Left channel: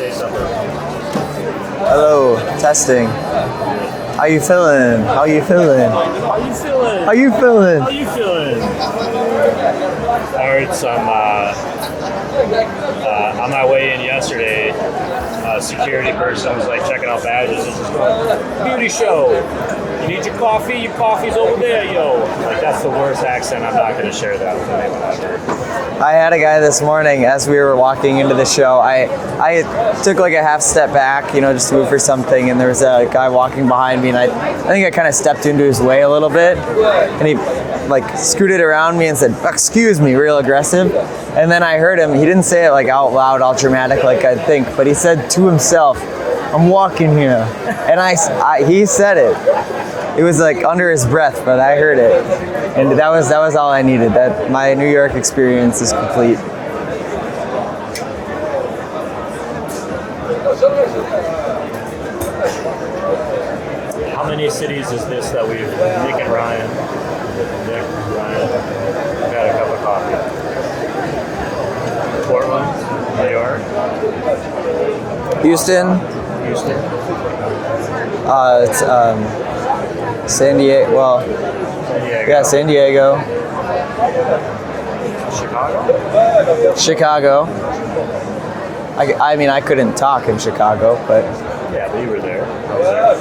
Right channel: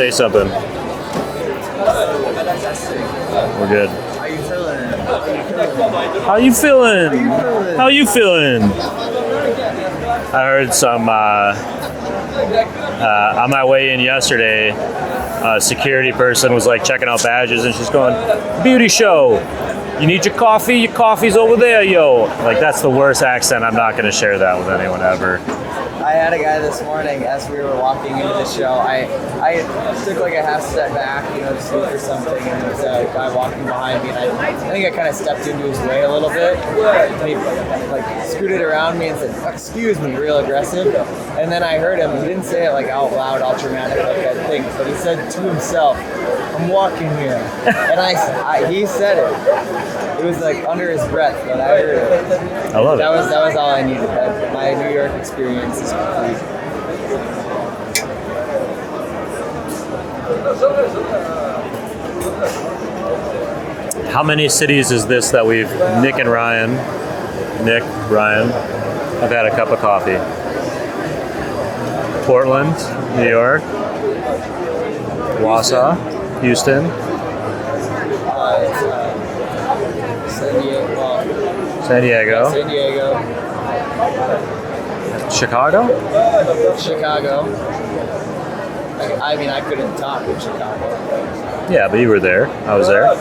Say something. Hello, testing. We're good. How you feeling? How you feeling? How you feeling? How you feeling? How you feeling? I heard some, on my way in yesterday, a security person was like checking out badges and she's going, beauty show. You need your coffee? Your coffee's over there, yo. Like, that's the worst accent. I'm not going to share that with anyone ever. I had a guy this morning as we were walking into the show. I took like a half step back, just to move for something, and there was a guy walking behind me, and I think I kind of stepped into his way a little bit, and he like scooted around me and said, "Excuse me," real aggressive. And then I heard him. He didn't say it like out loud, all dramatic, like I'd think, but he said to himself, "I'm walking here," and he said it. It was like under his breath, but I heard it, and that was all I needed. That my New York experience is complete. How many cities is this that we've Nick, Ryan, I've had a cup of coffee. Portland, New York, Houston. It's San Diego. Well, San Diego. Yeah, San Diego. Chicago. I mean, I couldn't talk in Chicago, but Yeah, but you were there. I was there.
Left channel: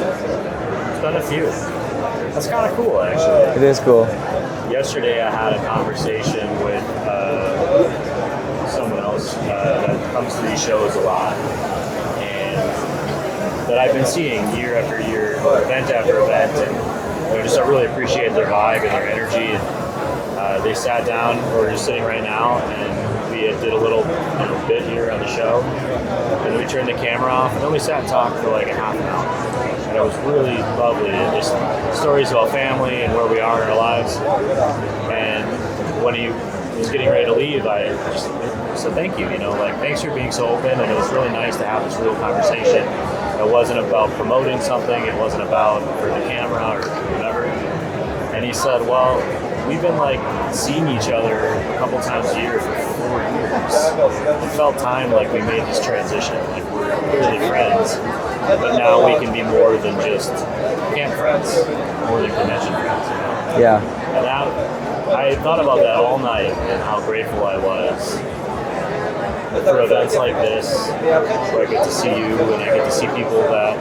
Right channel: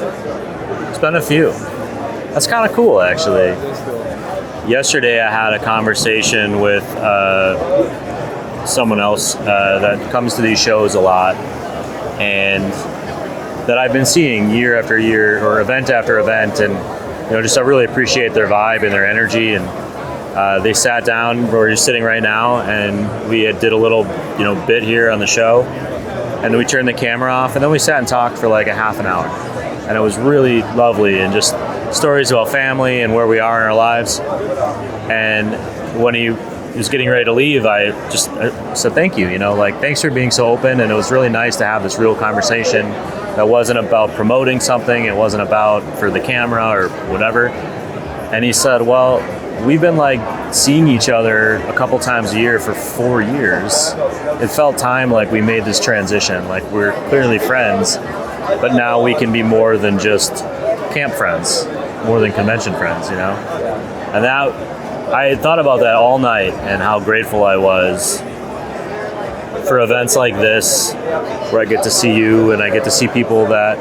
It's been a few. That's kind of cool, actually. it is cool. Yesterday, I had a conversation with someone else that comes to these shows a lot, and that I've been seeing year after year or event after event, and just I really appreciate their vibe and their energy. And they sat down where we're just sitting right now, and we did a little bit here on the show, and then we turned the camera off, and then we sat and talked for like a half an hour, and it was really lovely, and just stories about family and where we are in our lives. And when he was getting ready to leave, I said thank you, thanks for being so open, and it was really nice to have this real conversation that wasn't about promoting something, it wasn't about for the camera or whatever. And he said, well, we've been like seeing each other a couple times a year for 4 years. It felt time like we made this transition, like we're clearly friends, but now we can be more than just camp friends, more than convention friends, Yeah. And that, I thought about that all night and how grateful I was for events like this, where I get to see you and I get to see people that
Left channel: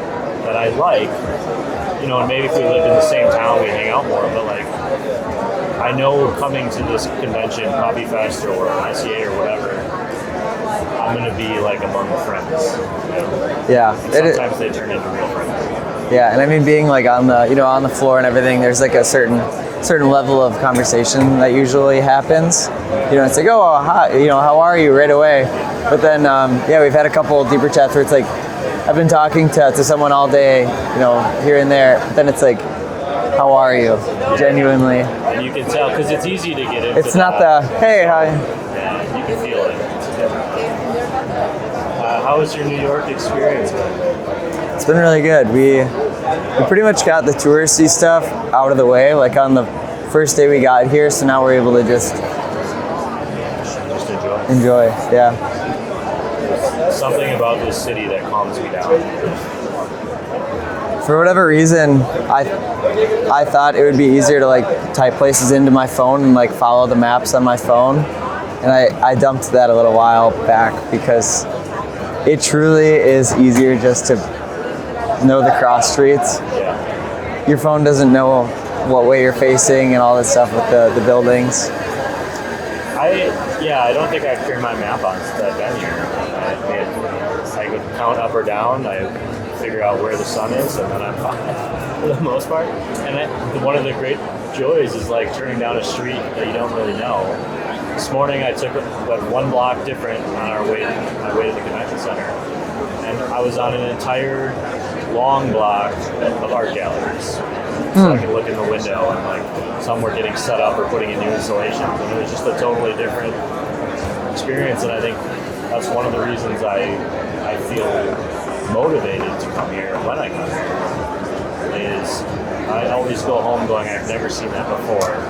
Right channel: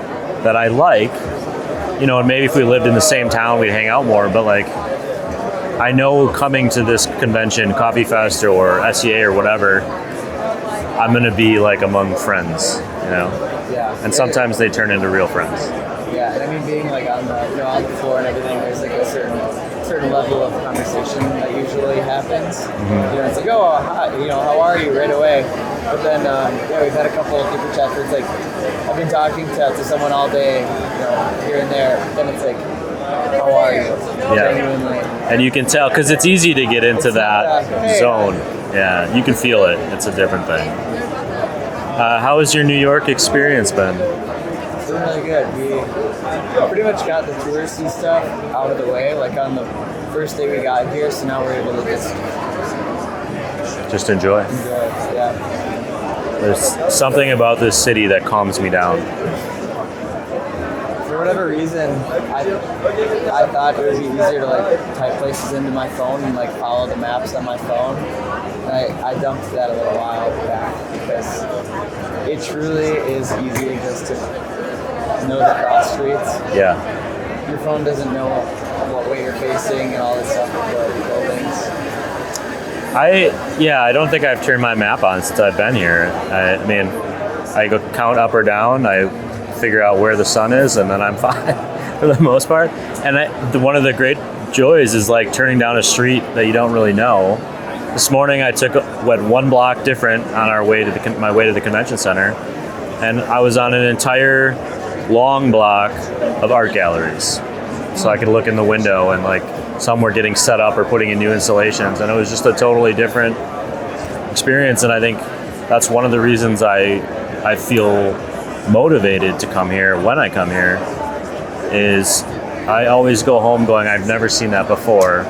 I like, and maybe if we lived in the same town, we'd hang out more, but like, I know coming to this convention, Coffee Fest or SEA or whatever, I'm going to be like among friends, Yeah. And sometimes they turn into real friends. Yeah, and I mean, being like on the floor and everything, there's like a certain level of conversation that usually happens. Mm-hmm. It's like, oh, hi, how are you, right away. But then, we've had a couple of deeper chats where it's like, I've been talking to someone all day, here and there. But then it's like, how are you? Yeah. Genuinely. And you can tell, because it's easy to get into it's that not the, hey, zone. hi. Yeah, you can feel it. It's a different thing. How has your New York experience been? It's been really good. We pretty much got the touristy stuff out of the way, like on the first day we got here, so now we're able to just enjoy. Yeah. There's something about this city that calms me down. For whatever reason, I thought it would be easier to like type places into my phone and like follow the maps on my phone, and I dumped that a little while back because it truly is easier just to know the cross streets. Yeah. Your phone doesn't know what way you're facing and all that stuff with the buildings. I don't think I've turned my map on since I've been here. I mean, I go count up or down, I figure out where the sun is, and then I'm fine for the most part. And one of the great joys is like turning down a street that you don't really know. This morning I went one block different on our way to my way to the convention center, and I was on an entire long block of art galleries. So I could look in the window, and like some were getting set up or putting in new installations, and it was just a totally different experience. And I think that's one of the reasons I feel motivated to come here when I come here, is I always go home going, I've never seen that before.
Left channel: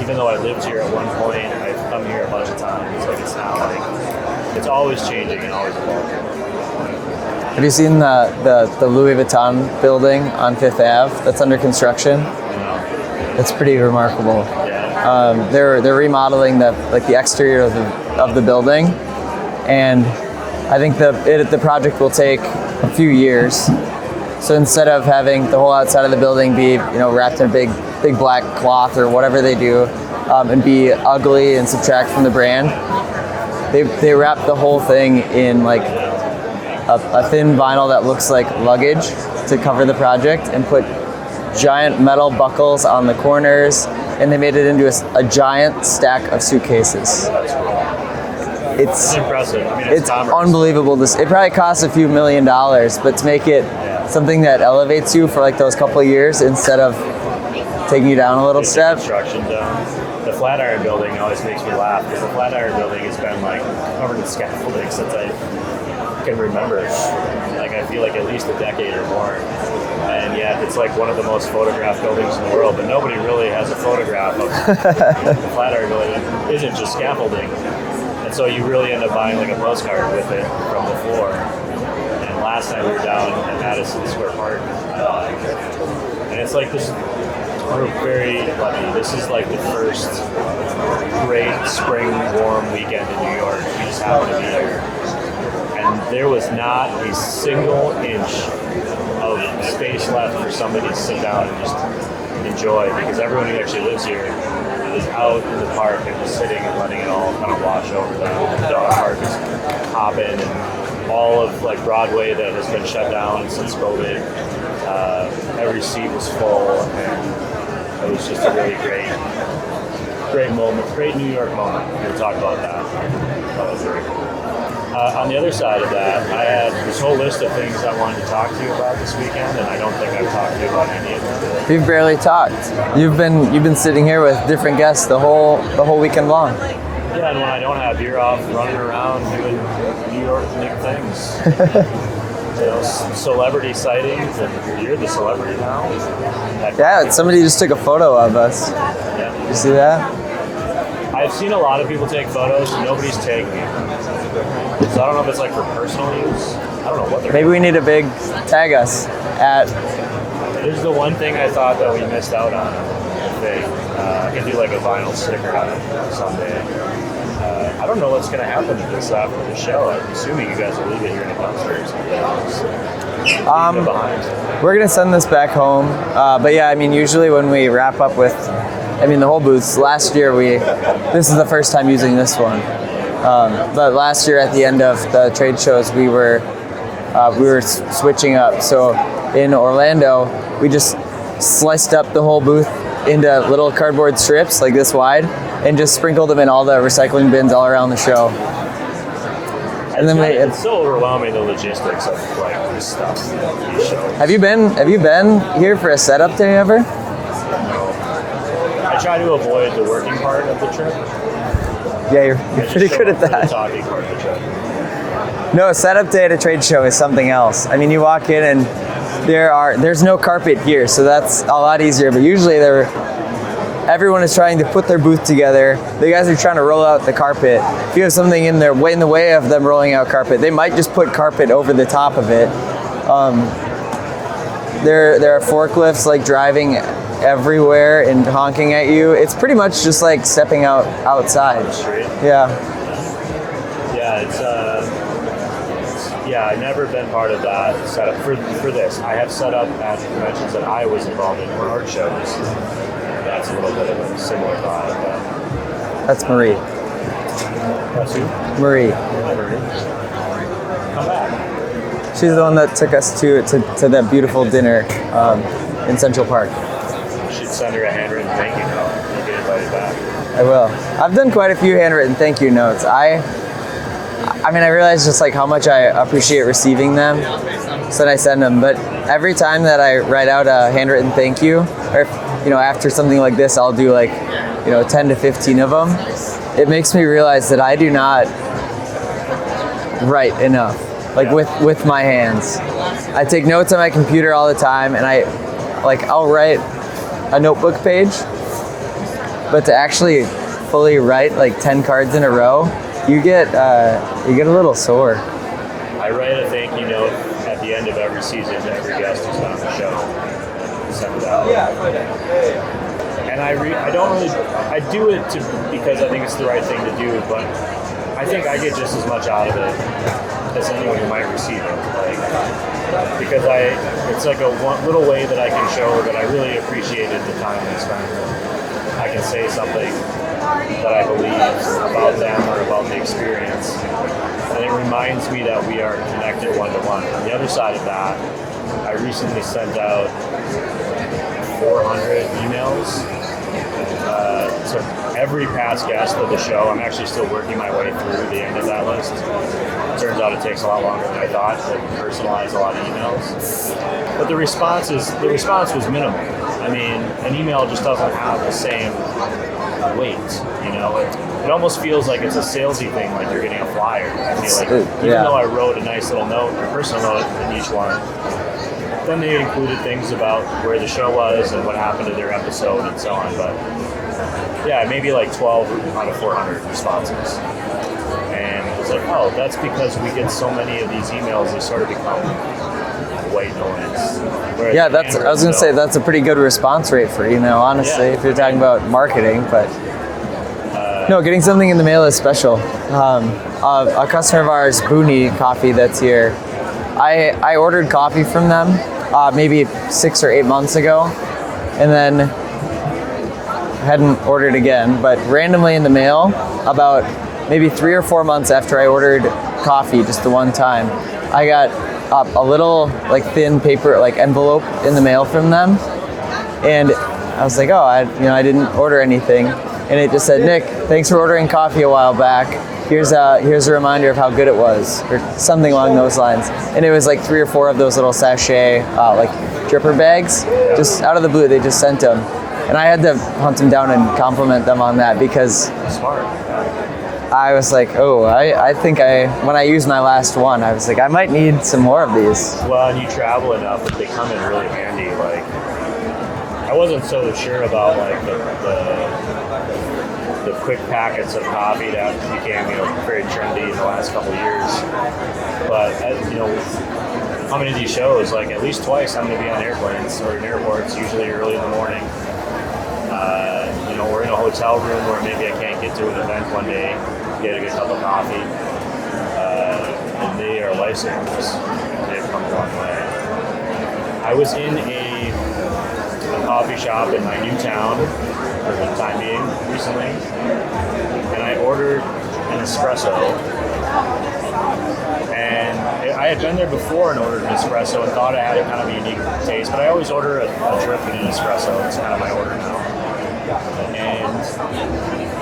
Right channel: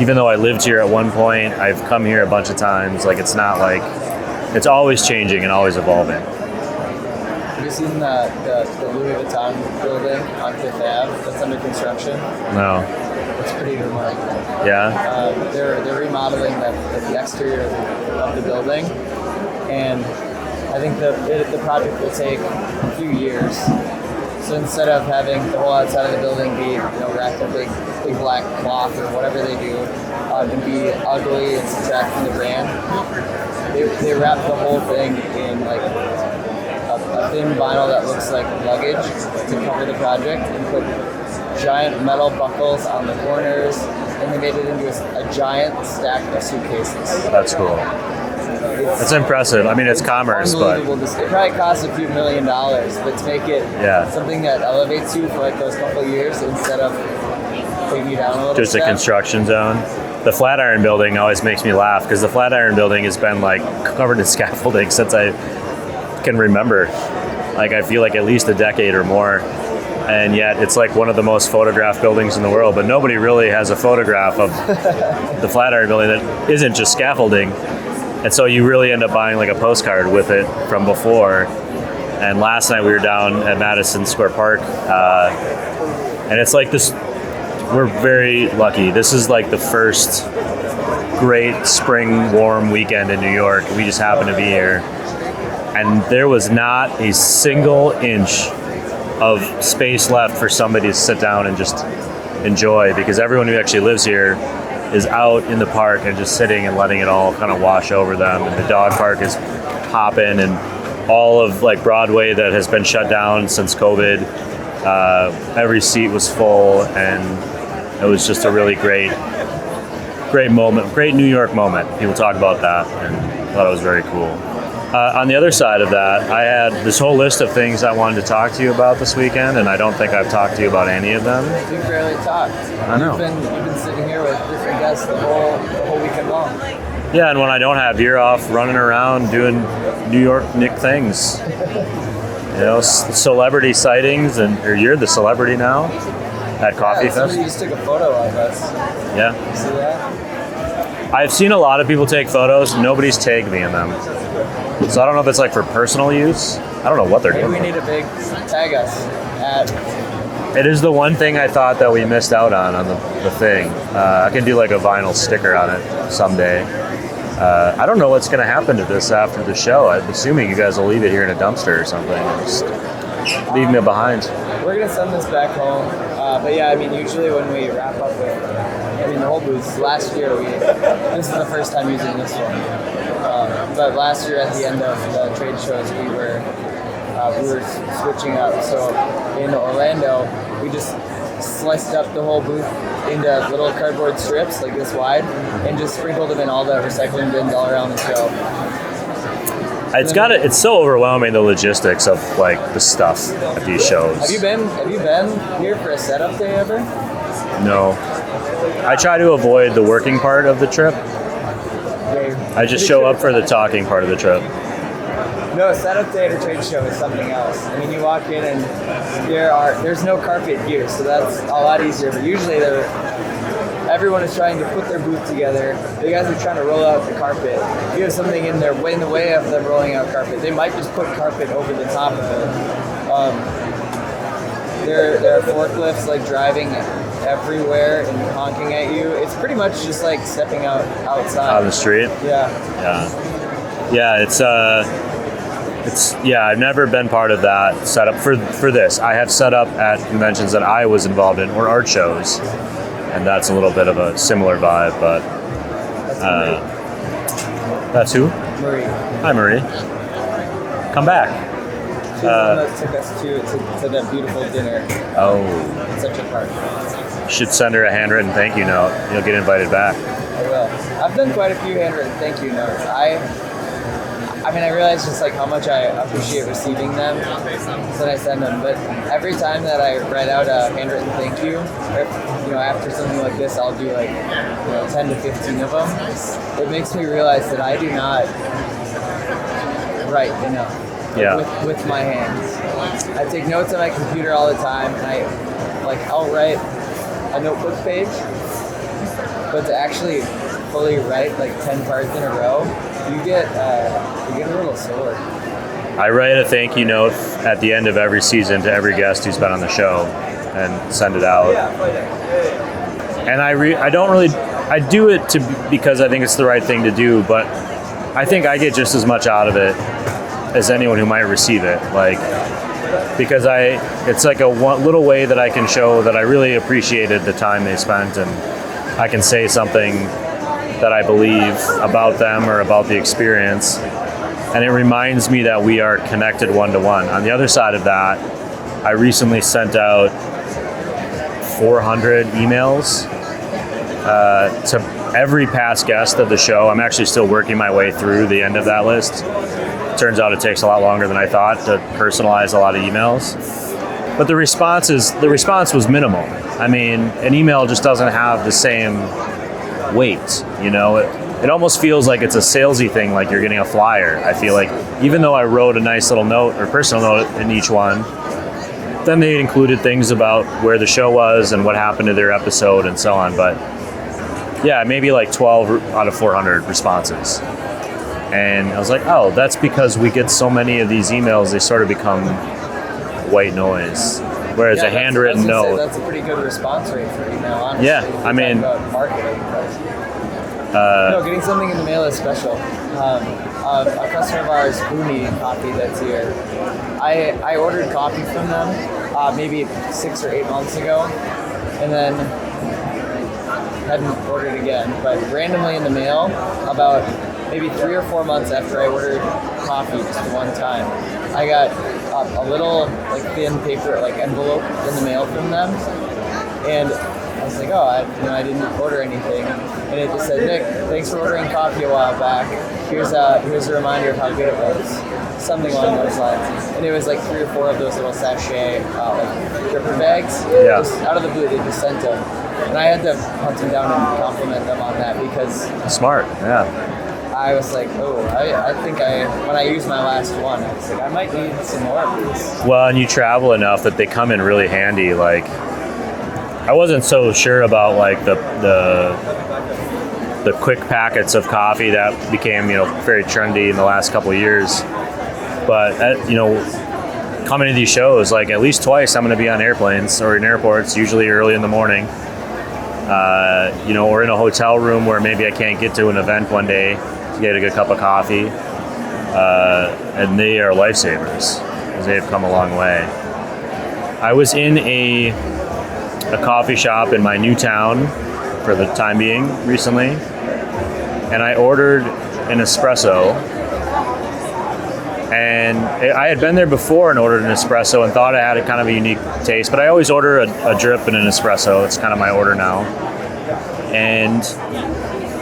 Even though I lived here at one point, I've come here a bunch of times. Like, it's not like, it's always changing and always evolving. Have you seen the Louis Vuitton building on Fifth Ave that's under construction? No. It's pretty remarkable. Yeah. They're remodeling the exterior of the building, and I think the project will take a few years. So instead of having the whole outside of the building be wrapped in a big black cloth or whatever they do, and be ugly and subtract from the brand, they wrap the whole thing in like a thin vinyl that looks like luggage to cover the project, and put giant metal buckles on the corners, and they made it into a giant stack of suitcases. That's cool. It's impressive. I mean, it's commerce. Unbelievable. It probably costs a few $1 million, but to make it something that elevates you for like those couple of years instead of taking you down a little just step. Just a construction zone. The Flatiron Building always makes me laugh because the Flatiron Building has been like covered in scaffolding since I can remember. Like I feel like at least a decade or more. And yet it's like one of the most photographed buildings in the world, but nobody really has a photograph of the Flatiron Building that isn't just scaffolding. And so you really end up buying like a postcard with it from before. And last night we were down at Madison Square Park, and it's like this, we're very lucky. This is like the first great spring warm weekend in New York. We just happen to be here. And there was not a single inch of space left for somebody to sit down and just enjoy, because everyone who actually lives here is out in the park and just sitting and letting it all kind of wash over them. The dog park is popping, and all of like Broadway that has been shut down since COVID, every seat was full, and it was just a really great moment, great New York moment. People talk about that. I thought it was very cool. On the other side of that, I had this whole list of things I wanted to talk to you about this weekend, and I don't think I've talked to you about any of them. We've barely talked. You've been sitting here with different guests the whole weekend long. Yeah, and when I don't have, you're off running around doing New York Nick things. Celebrity sightings, or you're the celebrity now. Yeah, somebody just took a photo of us. Yeah. You see that? I've seen a lot of people take photos, and nobody's tagged me in them. So I don't know if it's like for personal use. I don't know what they're doing. Maybe we need a big tag us at. It is the one thing I thought that we missed out on the thing. I can do like a vinyl sticker on it someday. I don't know what's going to happen to this after the show. I'm assuming you guys will leave it here in a dumpster or something. Just leave it behind. We're going to send this back home. But yeah, I mean, usually when we wrap up with, the whole booths, last year this is the first time using this one. But last year at the end of the trade shows, we were switching up. So in Orlando, we just sliced up the whole booth into little cardboard strips like this wide, and just sprinkled them in all the recycling bins all around the show. It's so overwhelming, the logistics of like the stuff at these shows. Have you been here for a setup day ever? No. I try to avoid the working part of the trip. Yeah, you're I just show up for the talking part of the trip. No, a setup day at a trade show is something else. I mean, you walk in and there's no carpet here, so that's a lot easier. But usually everyone is trying to put their booth together. The guys are trying to roll out the carpet. If you have something in the way of them rolling out carpet, they might just put carpet over the top of it. There are forklifts like driving everywhere and honking at you. It's pretty much just like stepping outside. On the street? Yeah. Yeah, I've never been part of that setup for this. I have set up at conventions that I was involved in, or art shows, and that's a little bit of a similar vibe, but... That's Marie. That's who? Marie. Hi, Marie. Come back. She's the one that took us to that beautiful dinner in Central Park. Should send her a handwritten thank you note. You'll get invited back. I will. I've done quite a few handwritten thank you notes. I realize just like how much I appreciate receiving them, so I send them. But every time that I write out a handwritten thank you, or after something like this, I'll do like 10 to 15 of them. It makes me realize that I do not write enough, with my hands. I take notes on my computer all the time, and I'll write a notebook page, but to actually fully write like 10 cards in a row, you get a little sore. I write a thank you note at the end of every season to every guest who's been on the show and send it out. And I do it because I think it's the right thing to do, but I think I get just as much out of it as anyone who might receive it. Like, because it's like a little way that I can show that I really appreciated the time they spent, and I can say something that I believe about them or about the experience. And it reminds me that we are connected one-to-one. On the other side of that, I recently sent out 400 emails to every past guest of the show. I'm actually still working my way through the end of that list. Turns out it takes a lot longer than I thought to personalize a lot of emails. But the response was minimal. I mean, an email just doesn't have the same weight, you know? It almost feels like it's a salesy thing, like you're getting a flyer. I feel like even though I wrote a nice little note or personal note in each one, then they included things about where the show was and what happened to their episode and so on. But yeah, maybe like 12 out of 400 responses. And I was like, oh, that's because we get so many of these emails, they sort of become white noise. Whereas a handwritten I was going to note, say, that's a pretty good response rate for email, honestly, if you're talking about marketing. But no, getting something in the mail is special. A customer of ours, Booney Coffee, that's here, I ordered coffee from them maybe 6 or 8 months ago, and then hadn't ordered again, but randomly in the mail about maybe 3 or 4 months after I ordered coffee just the one time, I got a little like thin paper like envelope in the mail from them, and I was like, oh, I didn't order anything, and it just said, Nick, thanks for ordering coffee a while back. Here's a reminder of how good it was, or something along those lines. And it was like 3 or 4 of those little sachet like dripper bags. Just out of the blue, they just sent them. And I had to hunt them down and compliment them on that, because smart, I was like, oh, I think when I used my last one, I was like, I might need some more of these. Well, and you travel enough that they come in really handy. Like, I wasn't so sure about like the quick packets of coffee that became, very trendy in the last couple of years. But coming to these shows, like at least twice, I'm going to be on airplanes or in airports, usually early in the morning. Or in a hotel room where maybe I can't get to an event one day to get a good cup of coffee. And they are lifesavers. They've come a long way. I was in a coffee shop in my new town for the time being recently, and I ordered an espresso. And I had been there before and ordered an espresso and thought I had a kind of a unique taste, but I always order a drip and an espresso. It's kind of my order now. And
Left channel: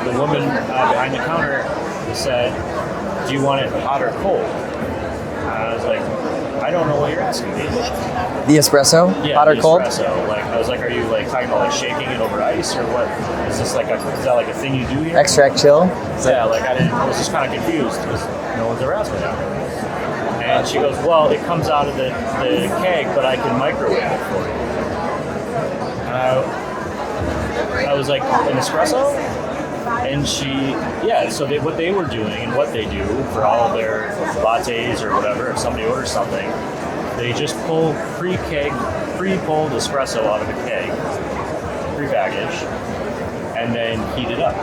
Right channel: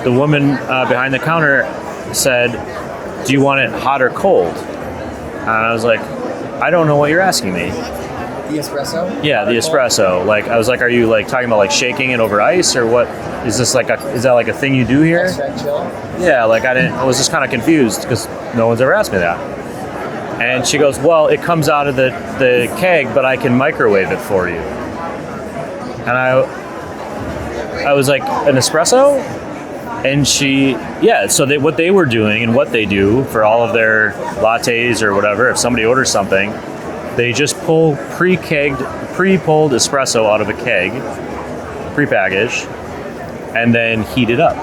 the woman behind the counter said, do you want it hot or cold? And I was like, I don't know what you're asking me. The espresso? Yeah, hot the or cold? espresso. Like, I was like, are you like talking about like shaking it over ice, or what? Is that like a thing you do here? Extract chill? Yeah, like I was just kind of confused because no one's ever asked me that. And she goes, well, it comes out of the keg, but I can microwave it for you. And I was like, an espresso? And so what they were doing and what they do for all of their lattes or whatever, if somebody orders something, they just pull pre-pulled espresso out of a keg, pre-packaged, and then heat it up.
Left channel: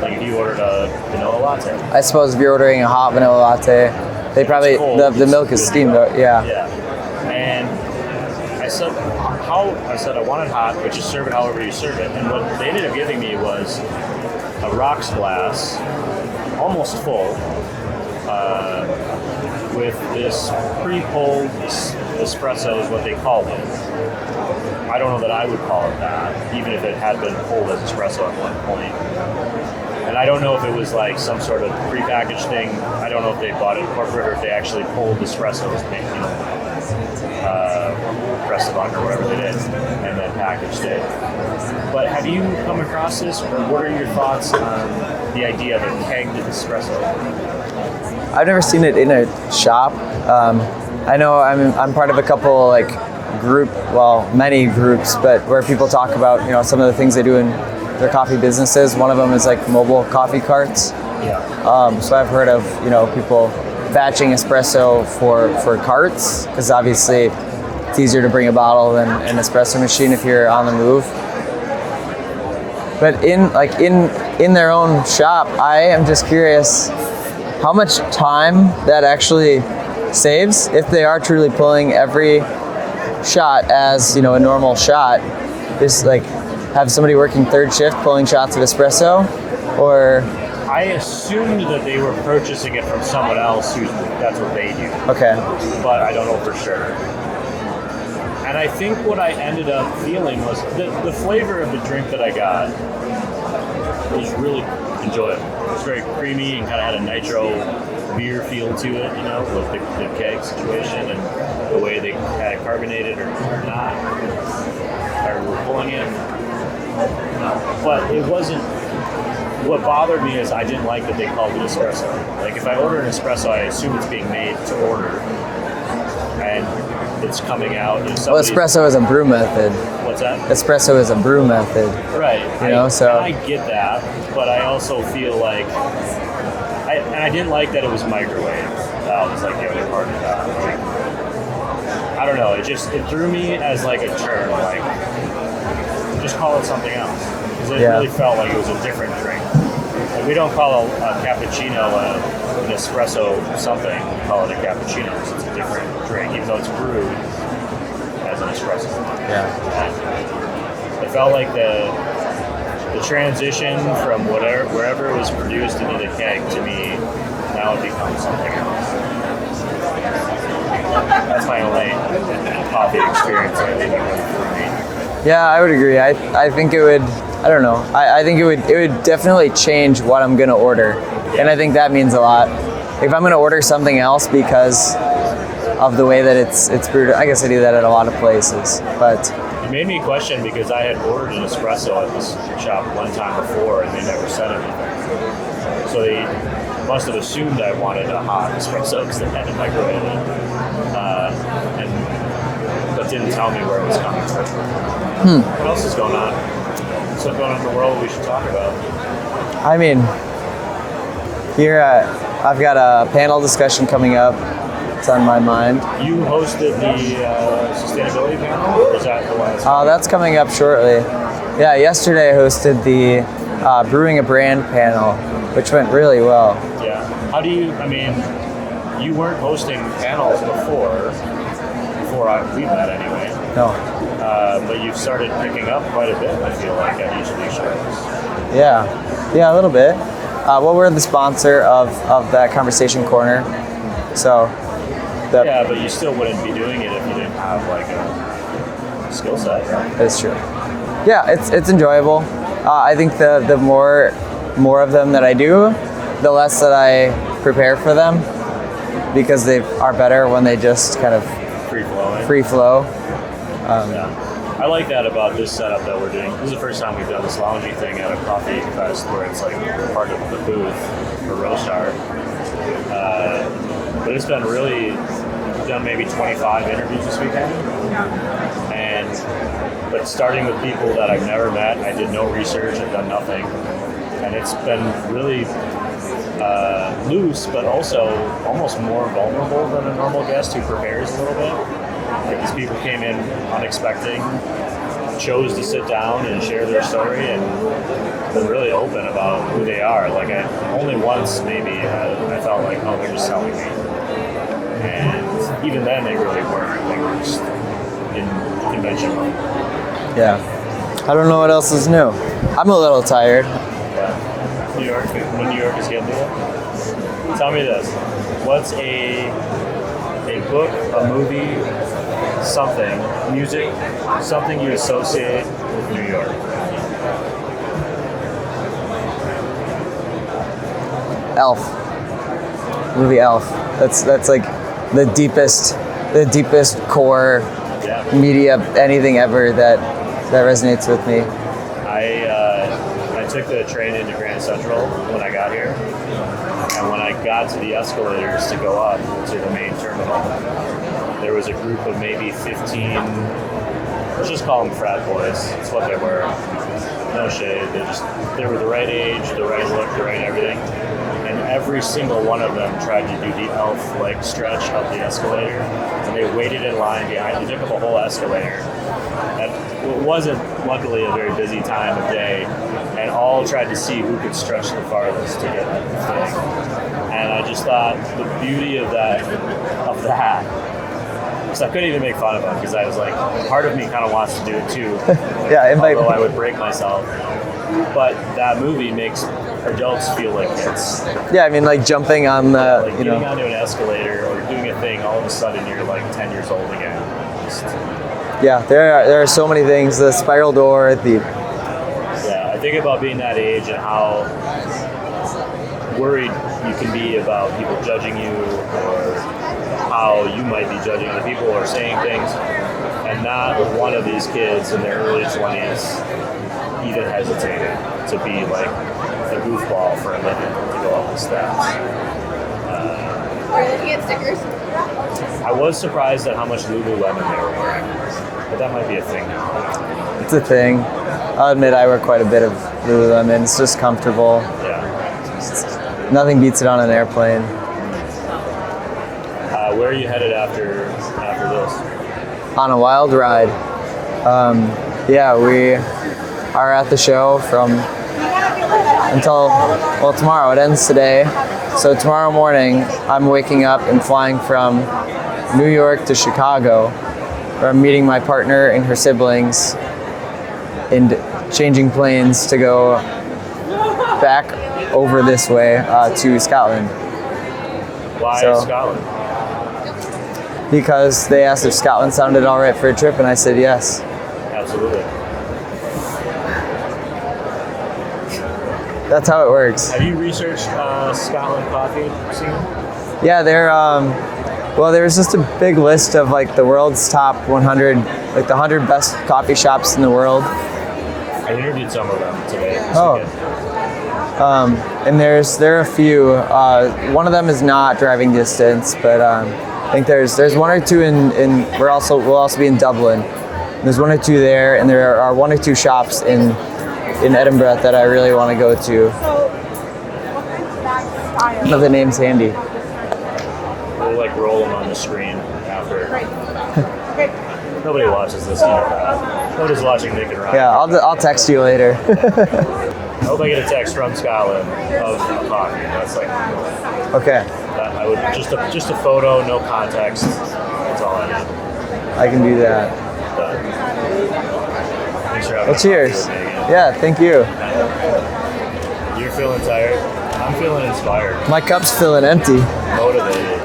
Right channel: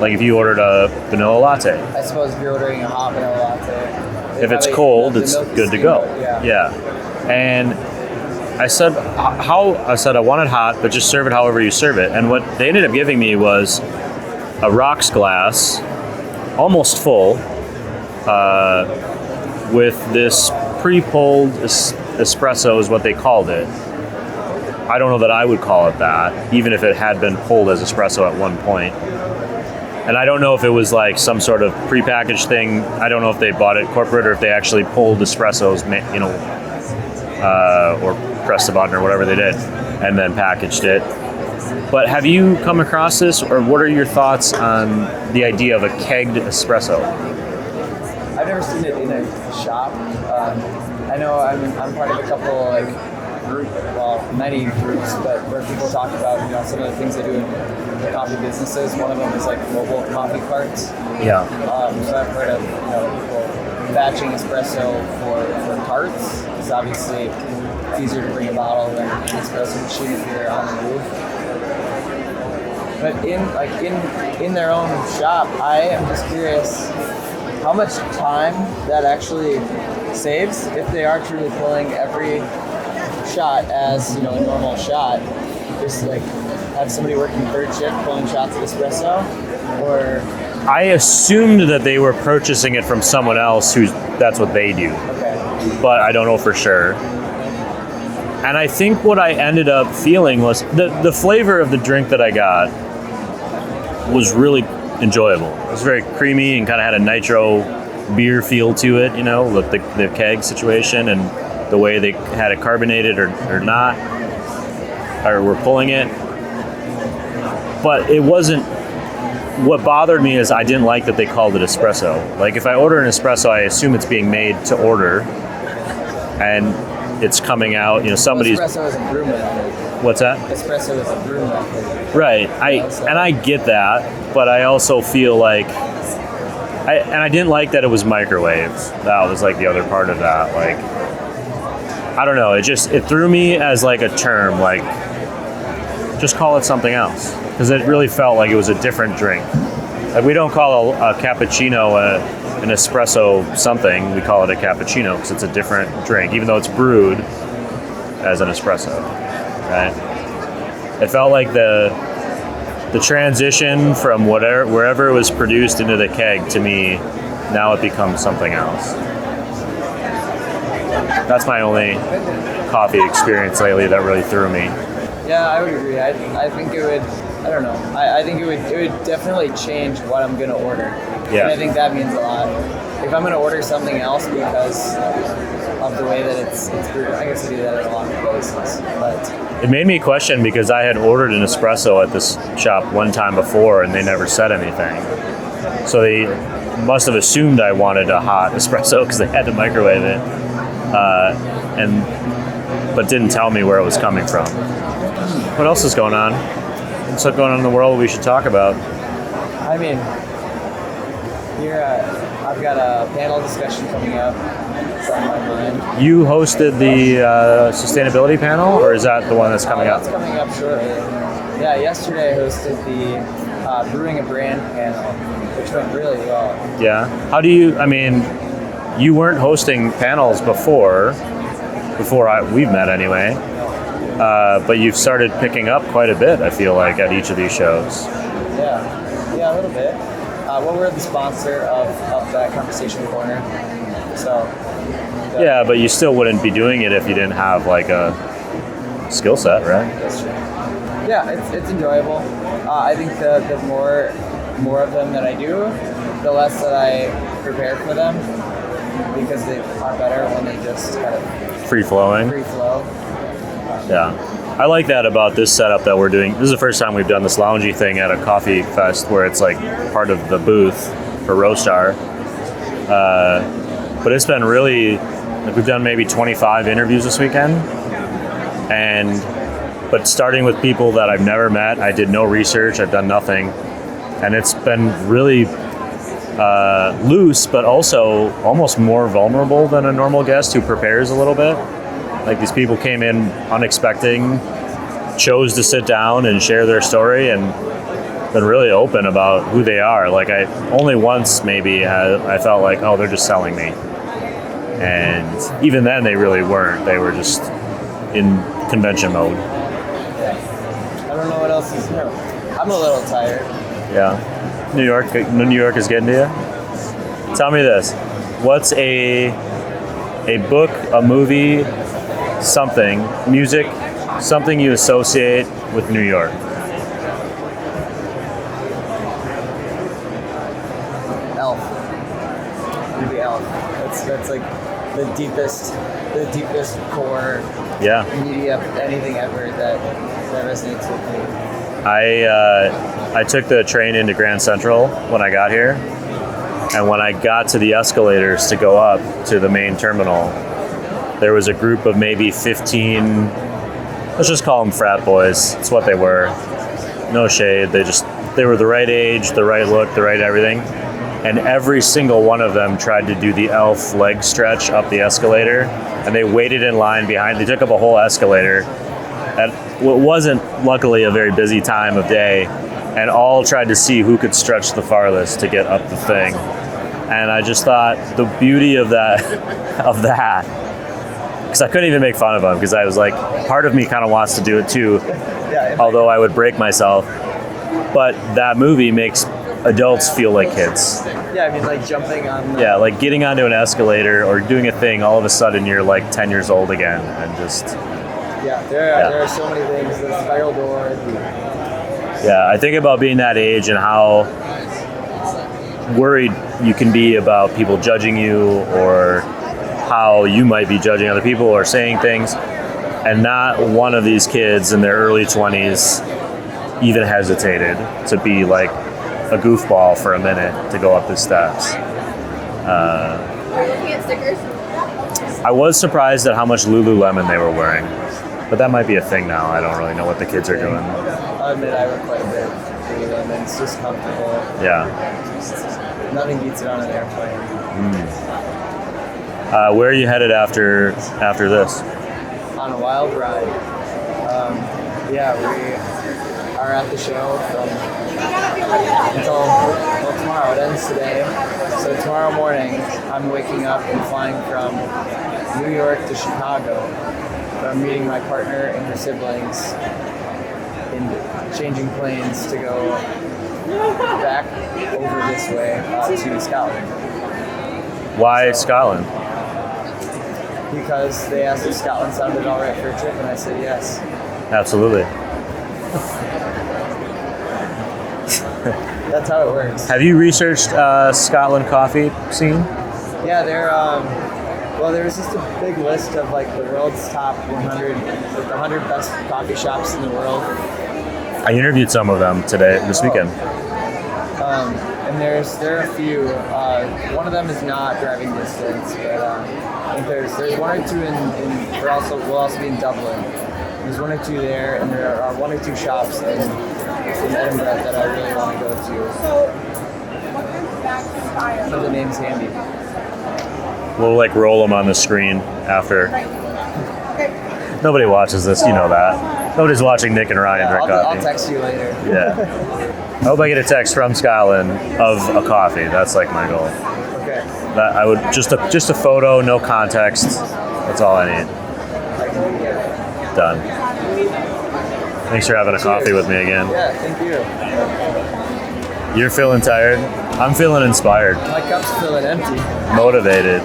Like if you ordered a vanilla latte. I suppose if you're ordering a hot vanilla latte, if it's cold, the milk is steamed out. Yeah. And I said, I want it hot, but just serve it however you serve it. And what they ended up giving me was a rocks glass, almost full, with this pre-pulled espresso is what they called it. I don't know that I would call it that, even if it had been pulled as espresso at one point. And I don't know if it was like some sort of prepackaged thing. I don't know if they bought it corporate or if they actually pulled espressos, or pressed the button or whatever they did, and then packaged it. But have you come across this, or what are your thoughts on the idea of a kegged espresso? I've never seen it in a shop. I know I'm part of a couple many groups, but where people talk about some of the things they do in their coffee businesses. One of them is like mobile coffee carts. Yeah. So I've heard of people batching espresso for carts, because obviously it's easier to bring a bottle than an espresso machine if you're on the move. But in their own shop, I am just curious how much time that actually saves if they are truly pulling every shot as, you know, a normal shot. Just like have somebody working third shift pulling shots of espresso, or I assumed that they were purchasing it from someone else who's that's what they do. okay. But I don't know for sure. And I think what I ended up feeling was the flavor of the drink that I got was really enjoyable. It was very creamy and kind of had a nitro beer feel to it, you know, with the keg situation and the way they had it carbonated or not, or were pulling it. But it wasn't, what bothered me is I didn't like that they called it espresso. Like if I order an espresso, I assume it's being made to order and it's coming out, you know, somebody's... Well, espresso is a brew method. What's that? Espresso is a brew method. Right. So. And I get that, but I also feel like, I didn't like that it was microwave. That was like the other part of that. Like, I don't know, it threw me as like a term, like, just call it something else. Because it really felt like it was a different drink. Like we don't call a cappuccino an espresso something, we call it a cappuccino because it's a different drink, even though it's brewed as an espresso. Yeah. Right? It felt like the transition from wherever it was produced into the keg, to me, now it becomes something else. That's my only coffee experience lately that really threw me. Yeah, I would agree. I think it would, I don't know. I think it would definitely change what I'm gonna order. Yeah. And I think that means a lot. If I'm gonna order something else because of the way that it's brewed, I guess I do that at a lot of places. But it made me question because I had ordered an espresso at this shop one time before and they never said anything. So they must have assumed I wanted a hot espresso because they had to microwave it, but didn't tell me where it was coming from. What else is going on? What's going on in the world we should talk about? I mean, here I've got a panel discussion coming up. It's on my mind. You hosted the sustainability panel, or is that the one that's coming up? That's coming up shortly. Yeah, yesterday I hosted the Brewing a Brand panel, which went really well. Yeah. How do you, I mean, you weren't hosting panels before we've met anyway. No. But you've started picking up quite a bit, I feel like, at each of these shows. Yeah, a little bit. Well, we're the sponsor of that Conversation Corner, so. Yeah, but you still wouldn't be doing it if you didn't have like a skill set, right? That's true. Yeah, it's enjoyable. I think the more of them that I do, the less that I prepare for them, because they are better when they just kind of free flow. Yeah. I like that about this setup that we're doing. This is the first time we've done this loungy thing at a coffee fest where it's like part of the booth for Roastar. But it's been really, we've done maybe 25 interviews this weekend. But starting with people that I've never met, I did no research, I've done nothing. And it's been really loose, but also almost more vulnerable than a normal guest who prepares a little bit. Like these people came in unexpected, chose to sit down and share their story, and been really open about who they are. Like I only once maybe I felt like, oh, they're just selling me. And even then they really weren't. They were just in convention mode. Yeah. I don't know what else is new. I'm a little tired. Yeah. New York is getting to you? Tell me this. What's a book, a movie, something, music, something you associate with New York? Elf. Movie Elf. That's like the deepest core media, anything ever that resonates with me. I took the train into Grand Central when I got here, and when I got to the escalators to go up to the main terminal, there was a group of maybe 15, let's just call them frat boys. It's what they were. No shade. They were the right age, the right look, the right everything. and every single one of them tried to do the elf leg stretch up the escalator, and they waited in line behind. They took up a whole escalator at what wasn't luckily a very busy time of day, and all tried to see who could stretch the farthest to get up the thing. And I just thought the beauty of that, because I couldn't even make fun of them, because I was like, part of me kind of wants to do it too, Yeah, although I would break myself. But that movie makes adults feel like kids. Yeah, I mean, like jumping on the... Yeah, like getting onto an escalator or doing a thing, all of a sudden you're like 10 years old again. And just... Yeah, there are so many things. The spiral door, Yeah, I think about being that age and how worried you can be about people judging you, or how you might be judging other people or saying things. And not one of these kids in their early 20s even hesitated to be like a goofball for a minute to go up the steps. Are you looking at stickers? I was surprised at how much Lululemon they were wearing, but that might be a thing now. I don't really know what the it's a kids are thing. doing. I'll admit I wear quite a bit of Lululemon. It's just comfortable. Yeah. Nothing beats it on an airplane. Where are you headed after this? On a wild ride. Yeah, we are at the show until tomorrow. It ends today. So tomorrow morning, I'm waking up and flying from New York to Chicago, where I'm meeting my partner and her siblings and changing planes to go back over this way to Scotland. Why So- Scotland? Because they asked if Scotland sounded all right for a trip, and I said yes. Absolutely. That's how it works. Have you researched Scotland coffee scene? Yeah, there's just a big list of like the world's top 100, like the 100 best coffee shops in the world. I interviewed some of them this Oh. weekend. And there are a few. One of them is not driving distance, but I think there's one or two in we'll also be in Dublin. There's one or two there, and there are one or two shops in Edinburgh that I really want to go to. But the name's handy. We'll like roll them on the screen after. Nobody watches this, you know that. Nobody's watching Nick and Ryan. Yeah, drink I'll coffee. text you later. Yeah. I hope I get a text from Scotland of a coffee. That's like my goal. Okay, That I would just a photo, no context. That's all I need. I can do that. Done. Thanks for having a Cheers. coffee with me again. Yeah, thank you. You're feeling tired. I'm feeling inspired, My cup's feeling empty. motivated.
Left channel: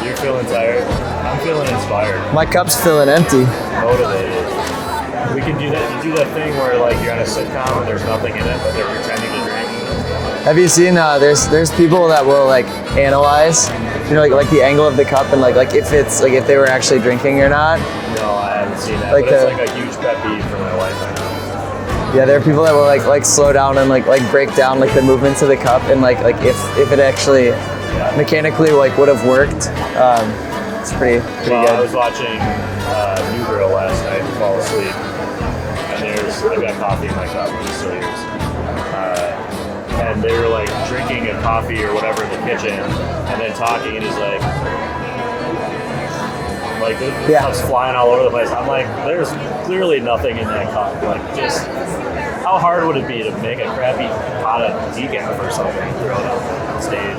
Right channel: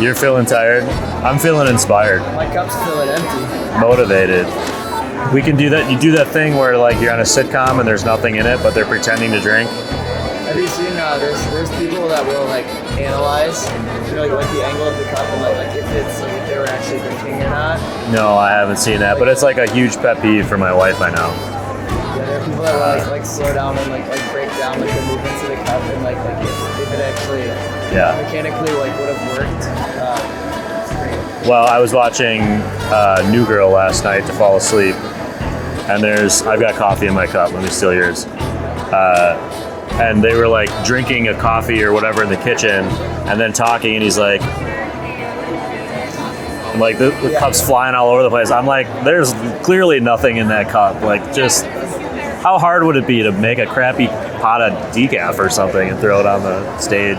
You're feeling tired. I'm feeling inspired, My cup's feeling empty. motivated. We can do that. You do that thing where like you're on a sitcom and there's nothing in it, but they're pretending to drink. Have you seen? There's people that will like analyze, like the angle of the cup and like if they were actually drinking or not. No, I haven't seen that, Like but it's a- like a huge pet peeve for my wife. I know. Yeah, there are people that will like slow down and like break down like the movements of the cup and like if it actually mechanically like would have worked. It's pretty. Well, good. I was watching New Girl last night to fall asleep, and I've got coffee in my cup. Let me steal yours. And they were like drinking a coffee or whatever in the kitchen, and then talking, and he's like the cup's flying all over the place. I'm like, there's clearly nothing in that cup. Like, just how hard would it be to make a crappy pot of decaf or something and throw it on the stage?